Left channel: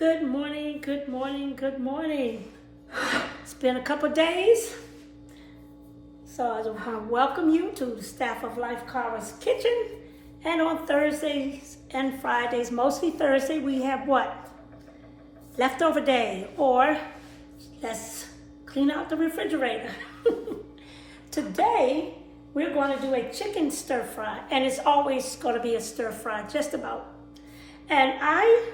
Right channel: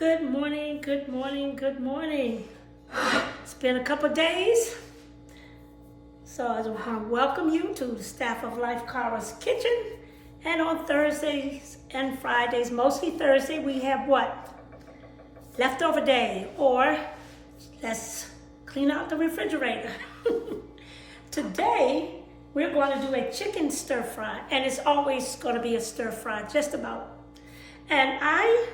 Good morning, good morning, good morning. It's been a couple days, so I just want to welcome you to the Staff of Life Kara's Kitchen. And on Thursdays and Fridays, mostly Thursday, we have what? Leftover day, or let's clean out the refrigerator. Today, we're going to do a chicken stir fry, and it's always going to be a stir fry, just about. And I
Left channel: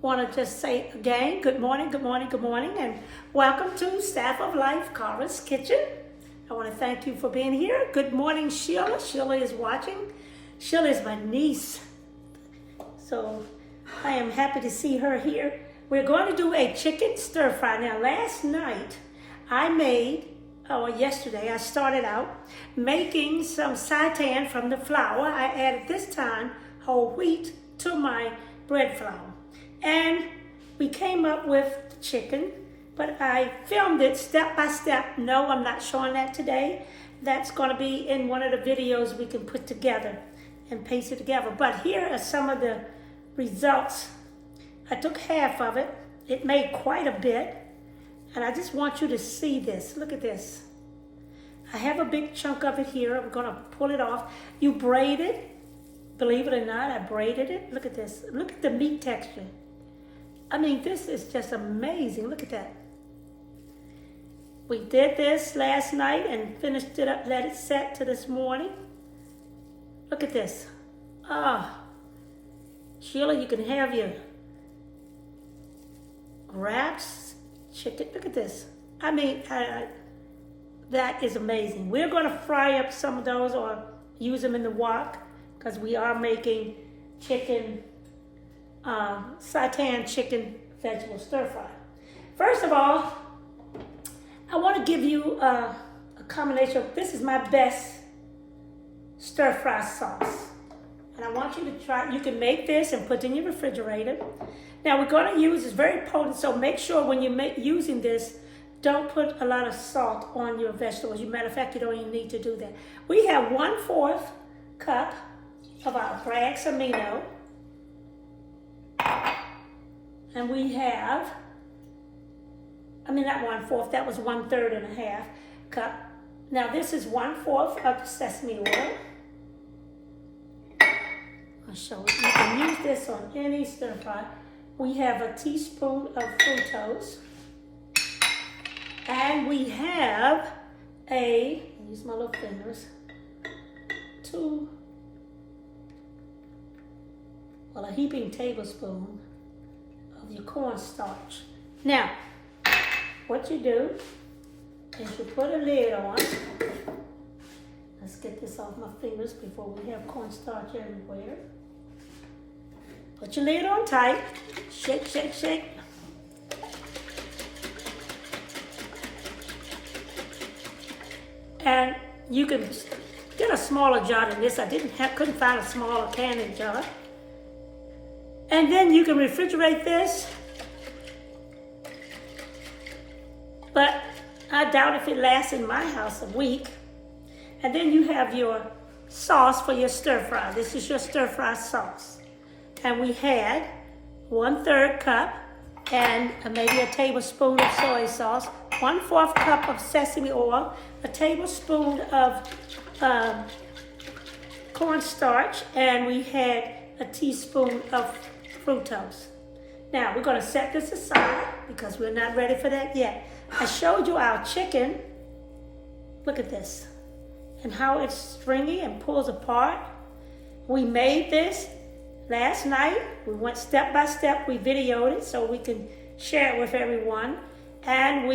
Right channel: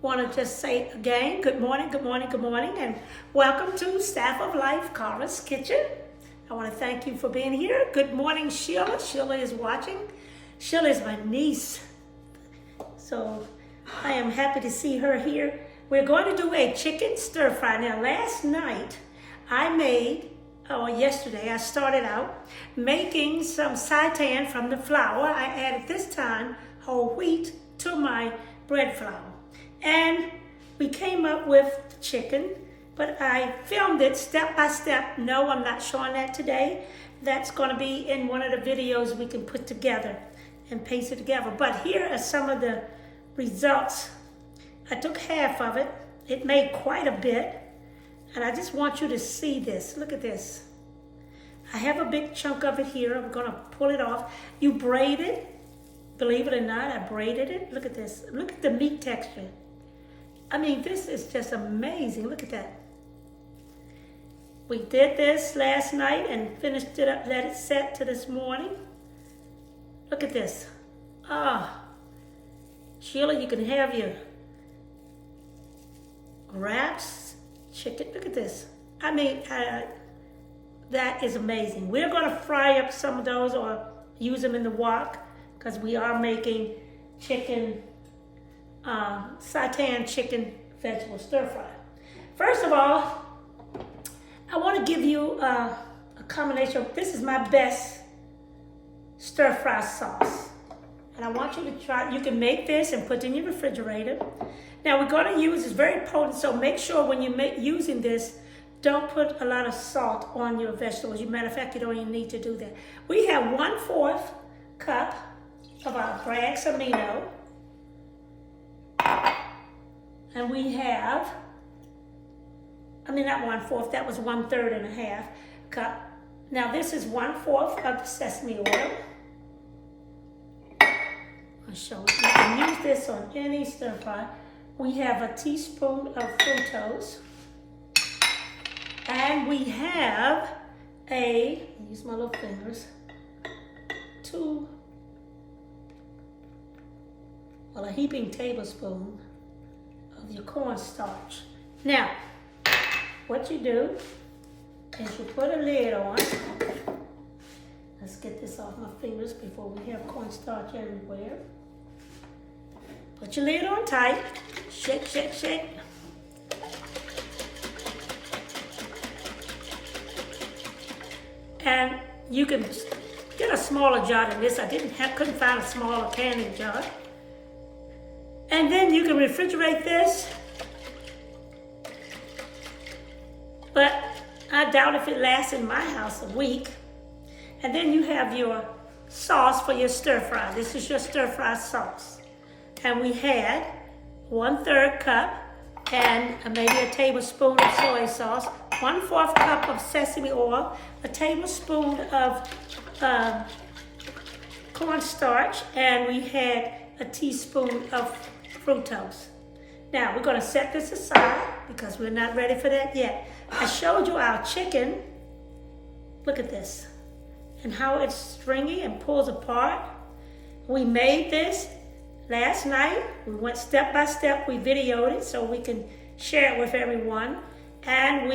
want to just say again, good morning, good morning, good morning, and welcome to Staff of Life Kara's Kitchen. I want to thank you for being here. Good morning, Sheila. Sheila is watching. Sheila is my niece, so I am happy to see her here. We're going to do a chicken stir fry. Now, last night yesterday I started out making some seitan from the flour. I added this time whole wheat to my bread flour. And we came up with the chicken, but I filmed it step by step. No, I'm not showing that today. That's going to be in one of the videos we can put together and paste it together. But here are some of the results. I took half of it. It made quite a bit. And I just want you to see this. Look at this. I have a big chunk of it here. I'm going to pull it off. You braid it. Believe it or not, I braided it. Look at this. Look at the meat texture. I mean, this is just amazing. Look at that. We did this last night and finished it up, let it set to this morning. Look at this. Sheila, you can have your wraps, chicken. Look at this. I mean, that is amazing. We're going to fry up some of those or use them in the wok because we are making chicken seitan chicken vegetable stir fry. First of all, I want to give you a combination of, this is my best stir fry sauce. And I want you to try, you can make this and put it in your refrigerator. Now we're going to use, it's very potent, so make sure when you're using this, don't put a lot of salt on your vegetables. As a matter of fact, you don't even need to do that. We have 1/4 cup of our Bragg's amino. And we have, not 1/4, that was 1/3 and a half cup. Now this is 1/4 of sesame oil. I'll show you. You can use this on any stir fry. We have a teaspoon of fructose. And we have use my little fingers, a heaping tablespoon of your cornstarch. Now, what you do is you put a lid on. Let's get this off my fingers before we have cornstarch everywhere. Put your lid on tight. Shake, shake, shake. And you can get a smaller jar than this. I couldn't find a smaller canning jar. And then you can refrigerate this. But I doubt if it lasts in my house a week. And then you have your sauce for your stir fry. This is your stir fry sauce. And we had 1/3 cup and maybe a tablespoon of soy sauce, 1/4 cup of sesame oil, a tablespoon of cornstarch, and we had a teaspoon of fructose. Now we're going to set this aside because we're not ready for that yet. I showed you our chicken. Look at this and how it's stringy and pulls apart. We made this last night. We went step by step. We videoed it so we can share it with everyone. And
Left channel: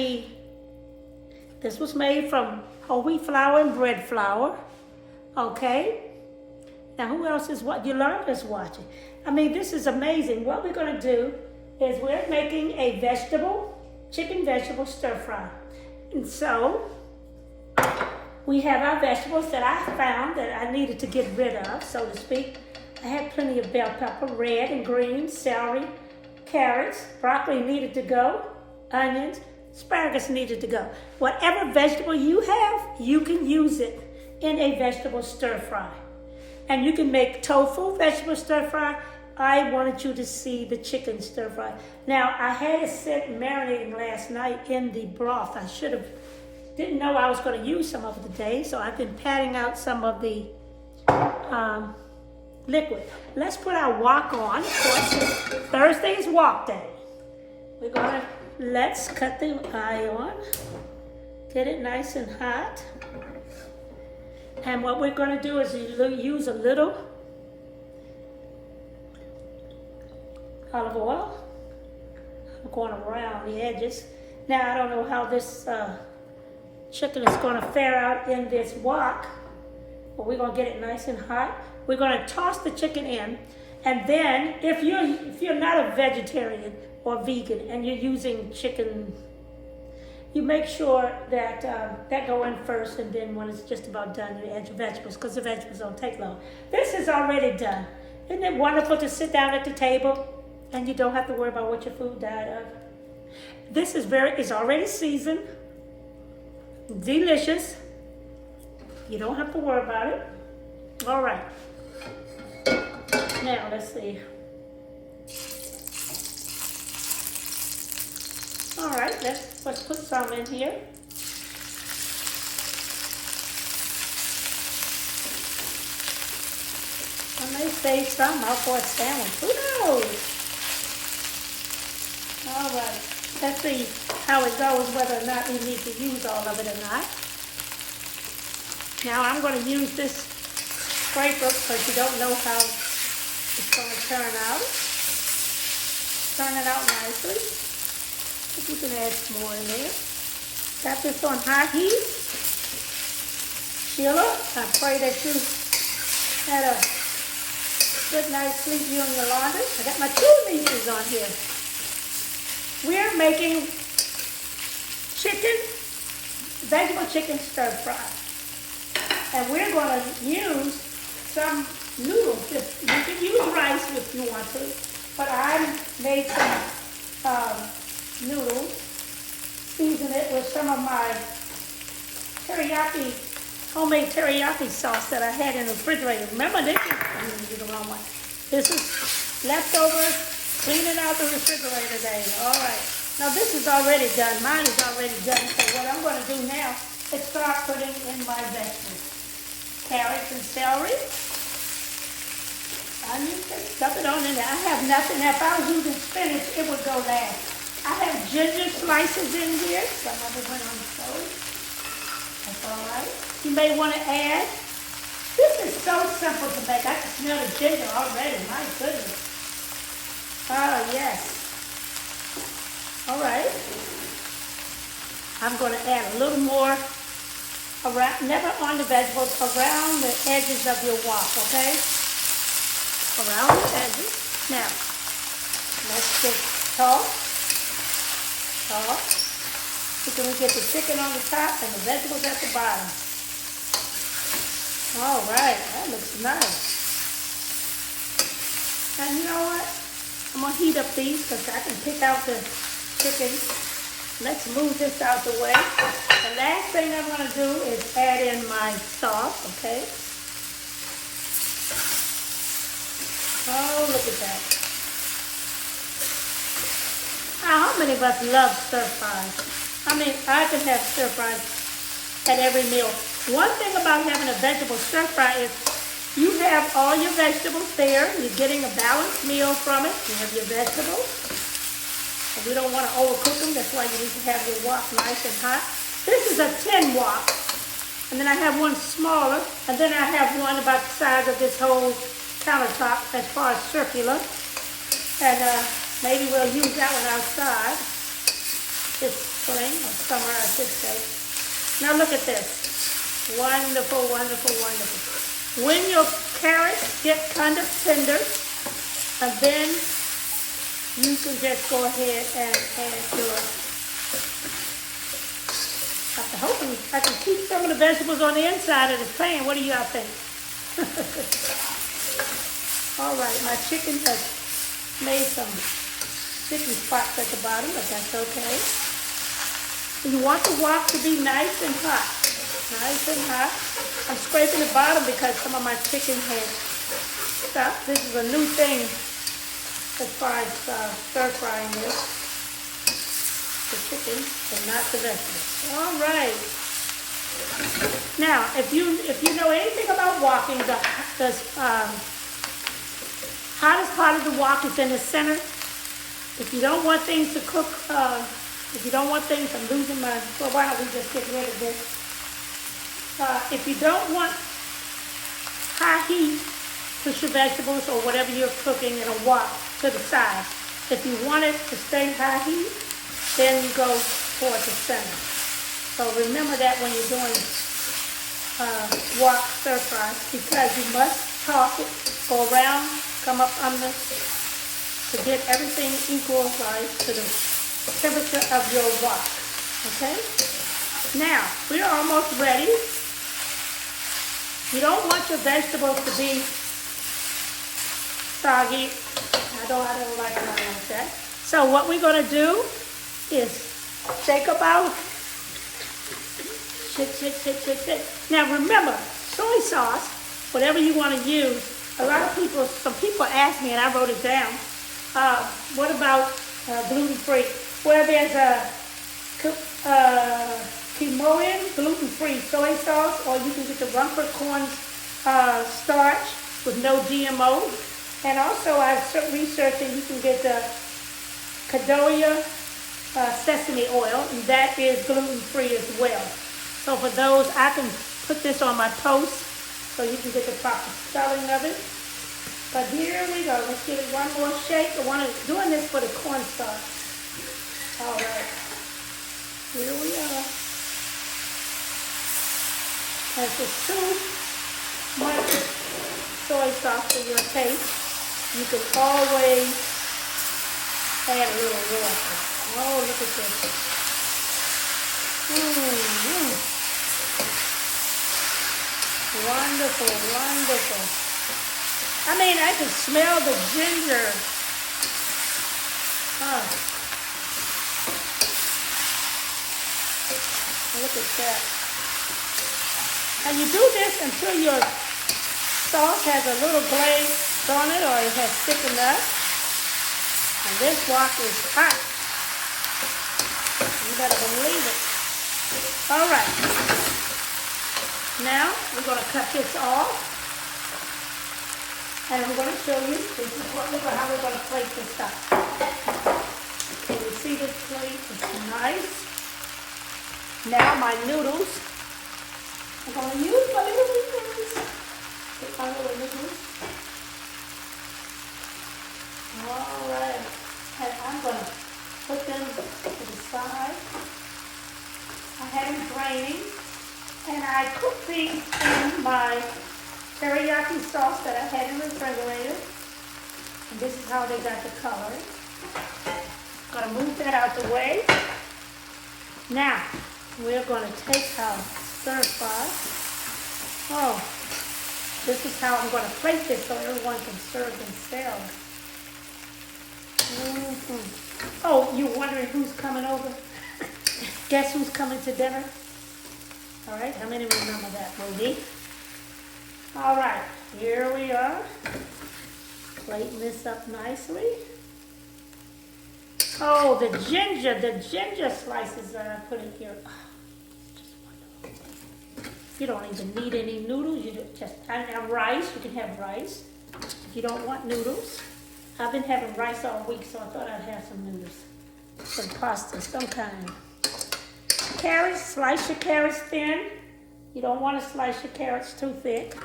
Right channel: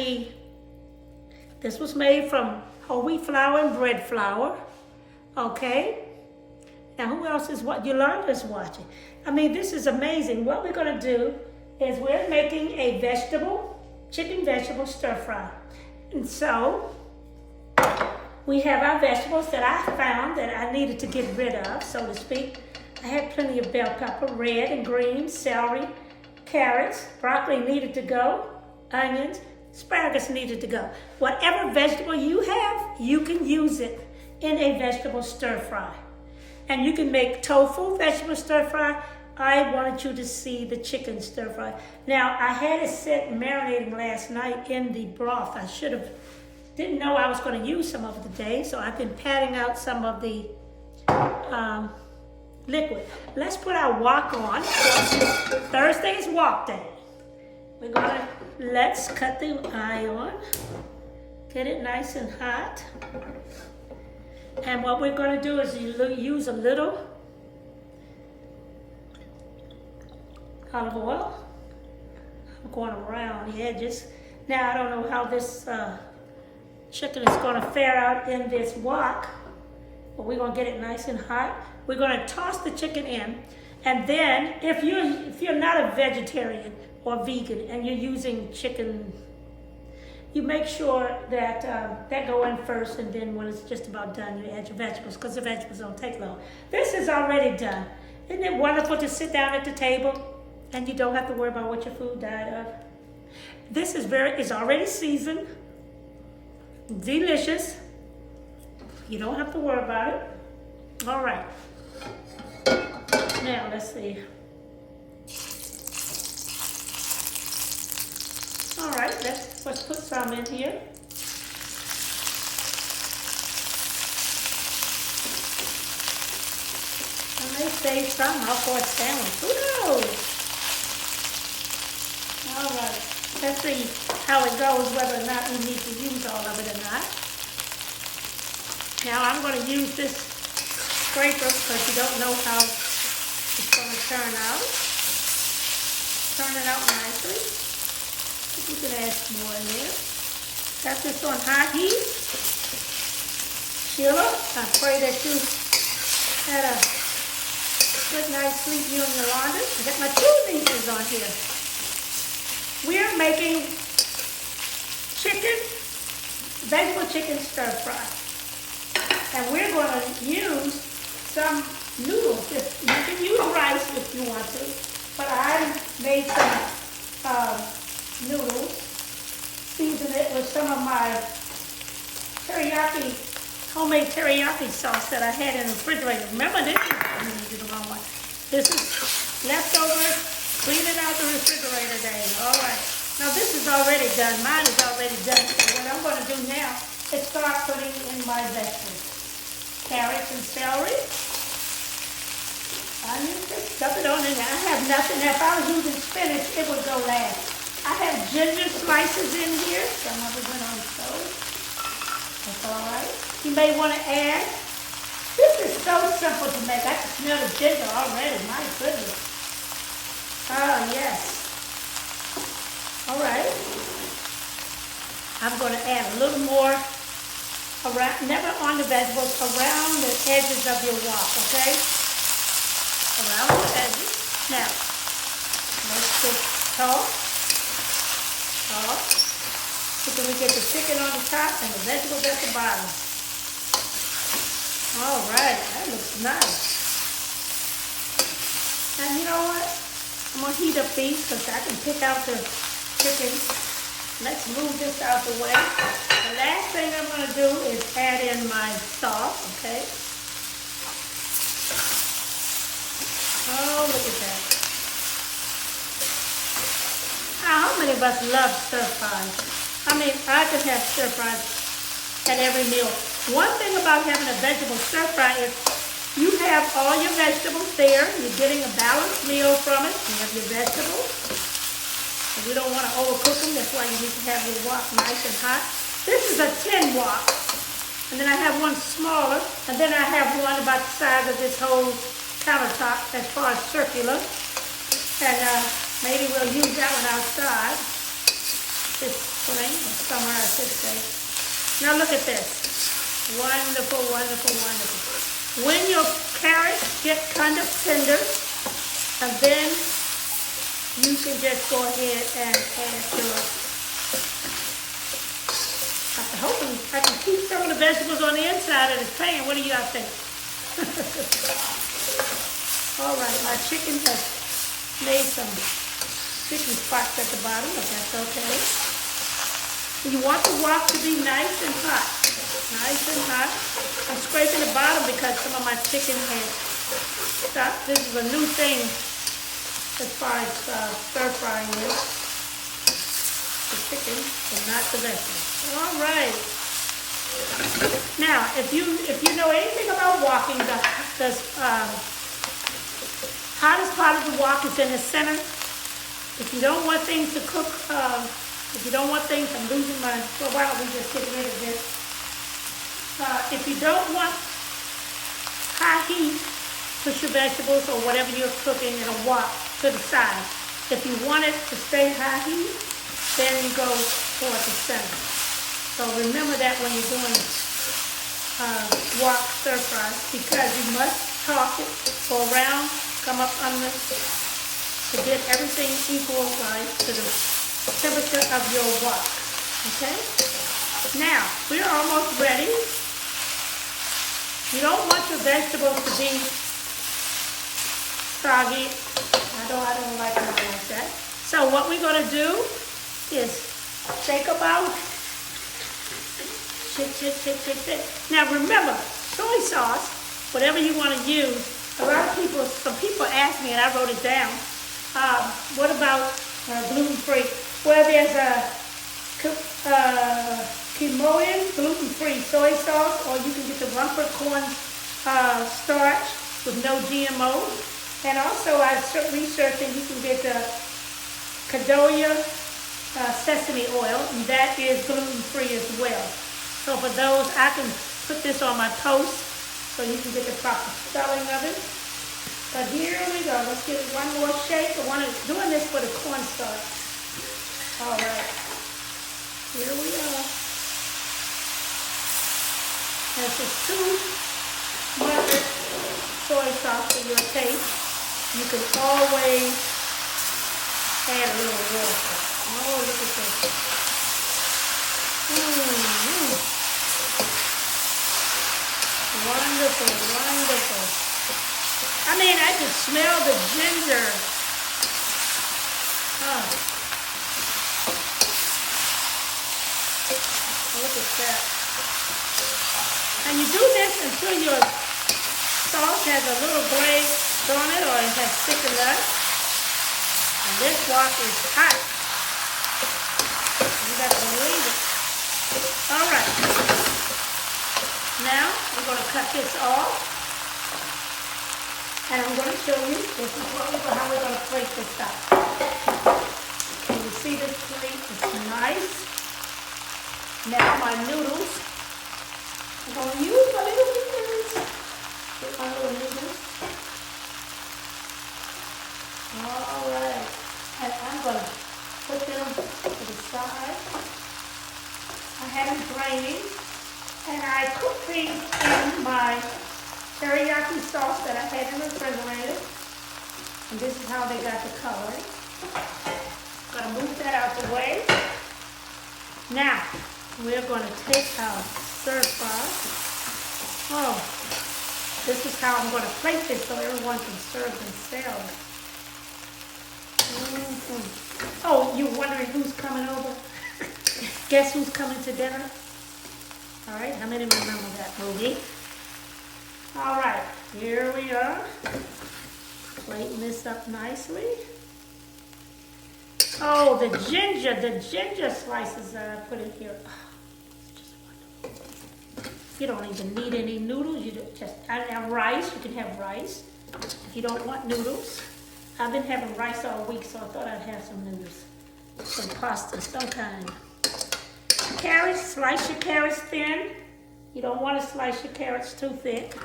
this was made from whole wheat flour and bread flour. Okay. Now who else is what? Yolanda's watching. I mean, this is amazing. What we're going to do is we're making a chicken vegetable stir fry. And so we have our vegetables that I found that I needed to get rid of, so to speak. I had plenty of bell pepper, red and green, celery, carrots, broccoli needed to go, onions, asparagus needed to go. Whatever vegetable you have, you can use it in a vegetable stir fry. And you can make tofu vegetable stir fry, I wanted you to see the chicken stir fry. Now, I had it sit marinating last night in the broth. I didn't know I was going to use some of it today, so I've been patting out some of the liquid. Let's put our wok on. Of course, it's Thursday's wok day. Let's cut the iron, get it nice and hot. And what we're going to do is use a little olive oil. I'm going around the edges. Now, I don't know how this chicken is going to fare out in this wok, but we're going to get it nice and hot. We're going to toss the chicken in, and then if you're not a vegetarian or vegan and you're using chicken, you make sure that that go in first, and then when it's just about done, you add your vegetables, because the vegetables don't take long. This is already done. Isn't it wonderful to sit down at the table and you don't have to worry about what your food died of? This is it's already seasoned, delicious. You don't have to worry about it. All right. Now, let's see. All right, let's put some in here. I may save some out for a sandwich. Who knows? All right, let's see how it goes, whether or not we need to use all of it or not. Now, I'm going to use this scraper because you don't know how it's going to turn out. Turn it out nicely. If you can add some more in there. Got this on high heat. Sheila, I pray that you had a good night's sleep, you and Yolanda. I got my two nieces on here. We're making vegetable chicken stir fry. And we're going to use some noodles. You can use rice if you want to, but I made some noodles, season it with some of my homemade teriyaki sauce that I had in the refrigerator. Remember this? I'm going to do the wrong one. This is leftovers, clean it out the refrigerator day. All right. Now this is already done. Mine is already done. So what I'm going to do now is start putting in my vegetables. Carrots and celery. Onions, just stuff it on in there. I have nothing. If I was using spinach, it would go last. I have ginger slices in here. Some of it went on the stove. That's all right. You may want to add. This is so simple to make. I can smell the ginger already. My goodness. Oh, yes. All right. I'm going to add a little more around, never on the vegetables, around the edges of your wok, okay? Around the edges. Now, let's just toss. So can we get the chicken on the top and the vegetables at the bottom? All right, that looks nice. And you know what? I'm going to heat up these because I can pick out the chicken. Let's move this out the way. The last thing I'm going to do is add in my sauce, okay? Oh, look at that. How many of us love stir fries? I mean, I could have stir fries at every meal. One thing about having a vegetable stir fry is you have all your vegetables there. You're getting a balanced meal from it. You have your vegetables. And we don't want to overcook them. That's why you need to have your wok nice and hot. This is a tin wok. And then I have one smaller. And then I have one about the size of this whole countertop as far as circular. And maybe we'll use that one outside this spring or summer, I should say. Now look at this. Wonderful, wonderful, wonderful. When your carrots get kind of tender, and then you can just go ahead and add your... I'm hoping I can keep some of the vegetables on the inside of the pan. What do y'all think? All right, my chicken has made some sticky spots at the bottom, but that's okay. You want the wok to be nice and hot. Nice and hot. I'm scraping the bottom because some of my chicken has stopped. This is a new thing as far as stir frying this, the chicken, but not the vegetables. All right. Now, if you know anything about walking, the hottest part of the wok is in the center. If you don't want things to cook, if you don't want things, I'm losing my, well, why don't we just get rid of this? If you don't want high heat, push your vegetables or whatever you're cooking in a wok to the side. If you want it to stay high heat, then you go toward the center. So remember that when you're doing wok stir fry, because you must toss it, go around, come up under, to get everything equal right to the temperature of your wok. Okay? Now, we're almost ready. You don't want your vegetables to be soggy. I don't like it like that. So what we're going to do is shake about. Shake. Now remember, soy sauce, whatever you want to use, some people ask me, and I wrote it down, what about gluten-free? Well, there's a Kemoyan gluten-free soy sauce, or you can get the Rumford corn starch with no GMO. And also, I was researching, you can get the Kadoya sesame oil, and that is gluten-free as well. So for those, I can put this on my post so you can get the proper spelling of it. But here we go. Let's give it one more shake. I'm doing this for the cornstarch. All right. Here we are. And if it's too much soy sauce for your taste, you can always add a little water. Oh, look at this. Wonderful, wonderful. I mean, I can smell the ginger. Look at that. And you do this until your sauce has a little glaze on it, or it has thickened up. And this wok is hot. You gotta believe it. All right. Now we're gonna cut this off. And I'm going to show you, this is how we're going to plate this up. Can you see this plate? It's nice. Now my noodles. I'm going to use my little noodles. Take my little noodles. All right. And I'm going to put them to the side. I had them draining. And I cooked these in my teriyaki sauce that I had in the refrigerator. And this is how they got the color. Gonna move that out the way. Now, we're gonna take our stir fry. Oh, this is how I'm gonna plate this so everyone can serve themselves. Oh, you're wondering who's coming over? Guess who's coming to dinner? All right, how many remember that movie? All right, here we are, plating this up nicely. Oh, the ginger slices that I put in here. Oh, it's just wonderful. You don't even need any noodles. You just have rice. You can have rice if you don't want noodles. I've been having rice all week, so I thought I'd have some noodles, some pasta, some kind. Carrots, slice your carrots thin. You don't want to slice your carrots too thick.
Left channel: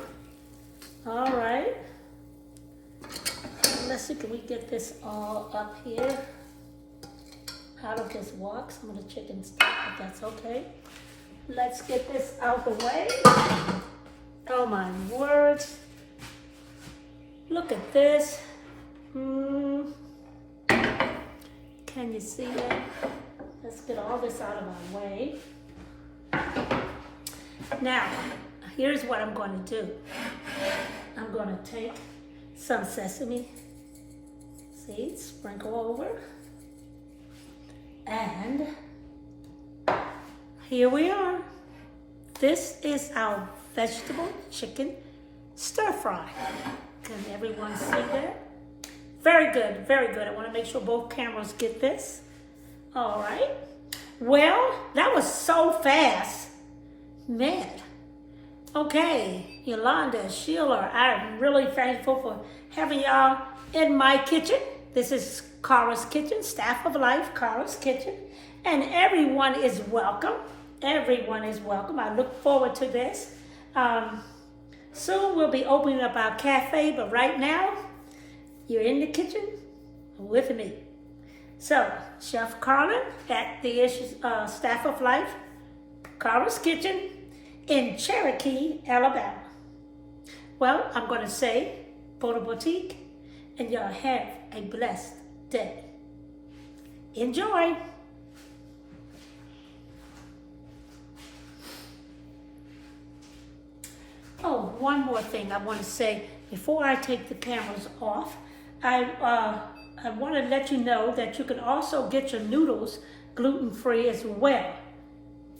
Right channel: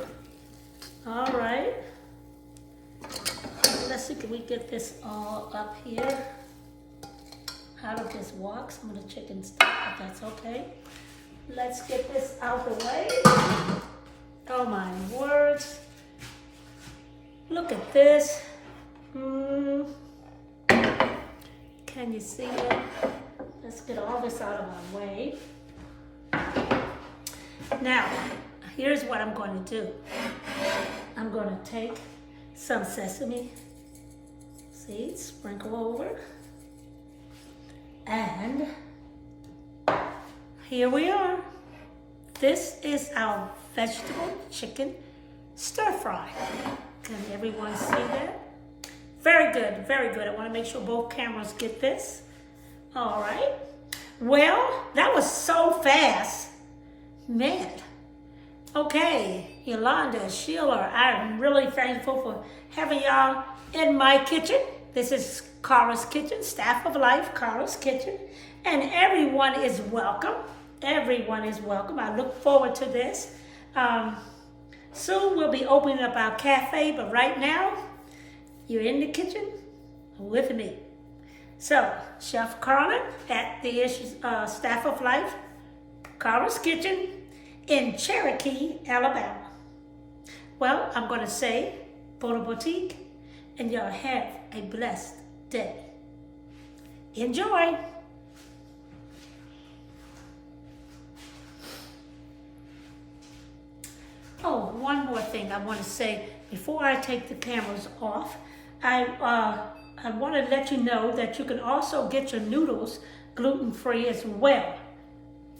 All right. Let's see, can we get this all up here? Out of this wok, some of the chicken stuff, if that's okay. Let's get this out the way. Oh my words. Look at this. Can you see it? Let's get all this out of my way. Now, here's what I'm going to do. I'm going to take some sesame seeds, sprinkle over, and here we are. This is our vegetable chicken stir fry. Can everyone see that? Very good, very good. I want to make sure both cameras get this. All right. Well, that was so fast. Man. Okay, Yolanda, Sheila, I'm really thankful for having y'all in my kitchen. This is Cara's Kitchen, Staff of Life, Cara's Kitchen. And everyone is welcome. Everyone is welcome. I look forward to this. Soon we'll be opening up our cafe, but right now, you're in the kitchen with me. So, Chef Carlin at the Staff of Life, Cara's Kitchen in Cherokee, Alabama. Well, I'm going to say bon appetit, and y'all have a blessed day. Enjoy. Oh, one more thing I want to say before I take the cameras off. I want to let you know that you can also get your noodles gluten-free as well.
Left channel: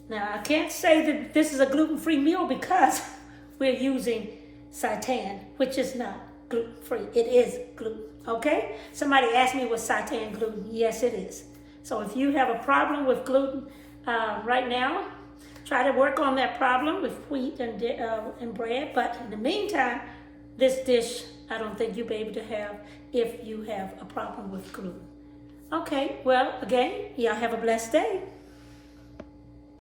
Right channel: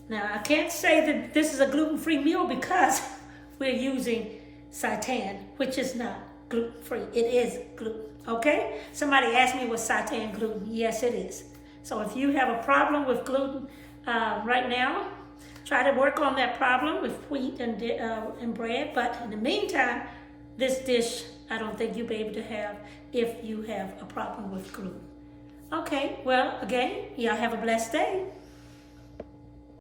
Now, I can't say that this is a gluten-free meal because we're using seitan, which is not gluten-free. It is gluten, okay? Somebody asked me, was seitan gluten? Yes, it is. So if you have a problem with gluten right now, try to work on that problem with wheat and bread. But in the meantime, this dish, I don't think you'll be able to have if you have a problem with gluten. Okay, well, again, y'all have a blessed day.